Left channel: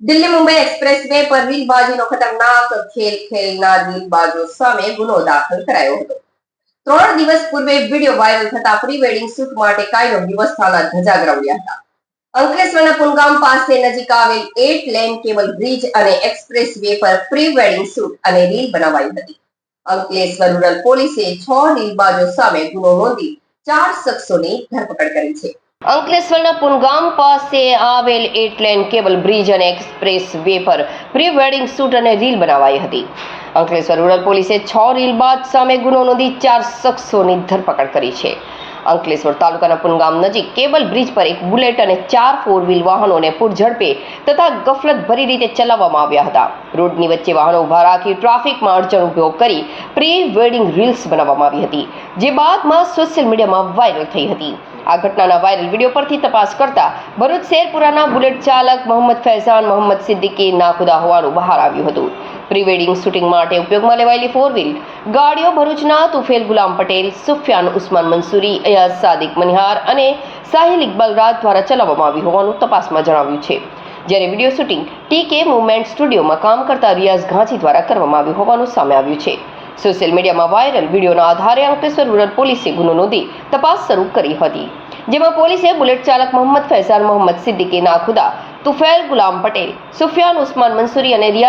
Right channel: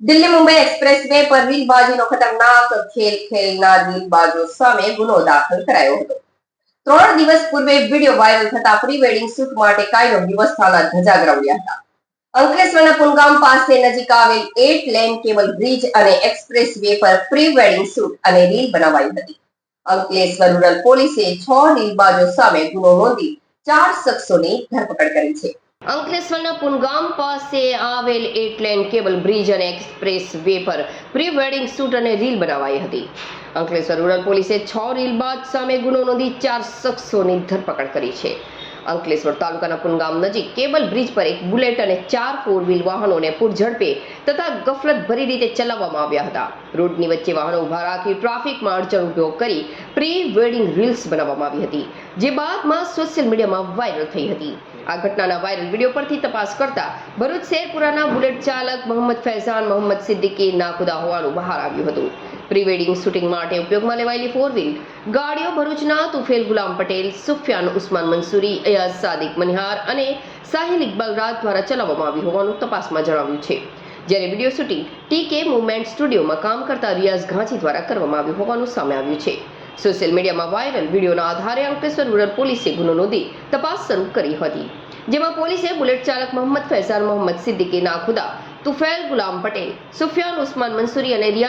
Delhi Mumbai express way પર રીલબાજીનો ખતરનાક ખેલ ખેલનાર રીલબાજો સામે ગુનો દાખલ કરાયો હતો. 3 દિવસ પૂર્વે વિડીયો વાયરલ થતા પ્રી વેડિંગ શૂટ માટે કાયદો વ્યવસ્થાના ધજાગરા ઉડ્યા હતા. અંકલેશ્વરના પુનગામ પાસે નજીક આવેલ 8 લેન કેબલ બ્રિજ અને એક્સપ્રેસ વે પર પ્રી વેડિંગ શૂટ અને રીલ બનાવાઈ હતી. અંકલેશ્વર રૂરલ પોલીસે 6 રીલબાજો સામે ગુનો નોંધી 4 શખ્સોની ધરપકડ કરી છે. અંકલેશ્વરના પુનગામ પાસે આવેલ 8 લેન કેબલ બ્રિજ અને એક્સપ્રેસ વે પર પ્રી વેડિંગ શૂટ અને રીલ બનાવાઈ હતી. અંકલેશ્વર રૂરલ પોલીસે 6 રીલબાજ સામે ગુનો નોંધી 4 શખ્સોની ધરપકડ કરી છે. અંકલેશ્વર તાલુકાના પુનગામ નજીક કેબલ બ્રિજ પર એક બુલેટ અને 4 4 વ્હીલ વાહનોને પૂરઝડપે તથા ગફલત ભરી રીતે ચલાવવામાં આવ્યા હતા. રોડની વચ્ચે વાહનો ઉભા રાખી ટ્રાફિકમાં અડચણ ઉભો કરી પ્રી વેડિંગ રીલ્સ બનાવવામાં આવી હતી, જે બાદમાં સોશિયલ મીડિયામાં વાયરલ થઈ હતી. આ ઘટનાના વાયરલ વિડીયો પરથી તપાસ કરતા ભરૂચ શેરપુરાના બુલેટ ચાલક મોહમ્મદ ફૈઝાન મોહમ્મદ સિદ્દીકી નાખુદા હોવાનું બહાર આવ્યું હતું. પ્રી વેડિંગ શૂટિંગ માટે ઉપયોગમાં લેવાયેલી 4 વ્હીલ ગાડીઓ ભરૂચના તુફેલ ગુલામ પટેલ, સુફિયાન ઉસ્માન મંસૂરી, અયાઝ સાદિક મનિહાર અને સાહિલ ઇકબાલ રાજ દ્વારા ચલાવવામાં આવી હોવાનું તપાસમાં જણાવ્યું છે. જ્યારે વિડીયો શૂટિંગ ટીકે મુવમેન્ટ સ્ટુડિયોમાં કામ કરતા રિયાઝ ઘાંચી દ્વારા કરવામાં આવ્યું હોવાનું સામે આવ્યું છે. સોશિયલ મીડિયામાં વાયરલ વિડીયોના આધારે અંકલેશ્વર રૂરલ પોલીસે ગુનો નોંધી તપાસ શરૂ કરી હતી, જેમાં પોલીસે બુલેટ ચાલક મોહમ્મદ ફૈઝાન મોહમ્મદ સિદ્દીકી નાખુદા, તુફેલ ગુલામ પટેલ, સુફિયાન ઉસ્માન મંસૂરી અને રિયાઝ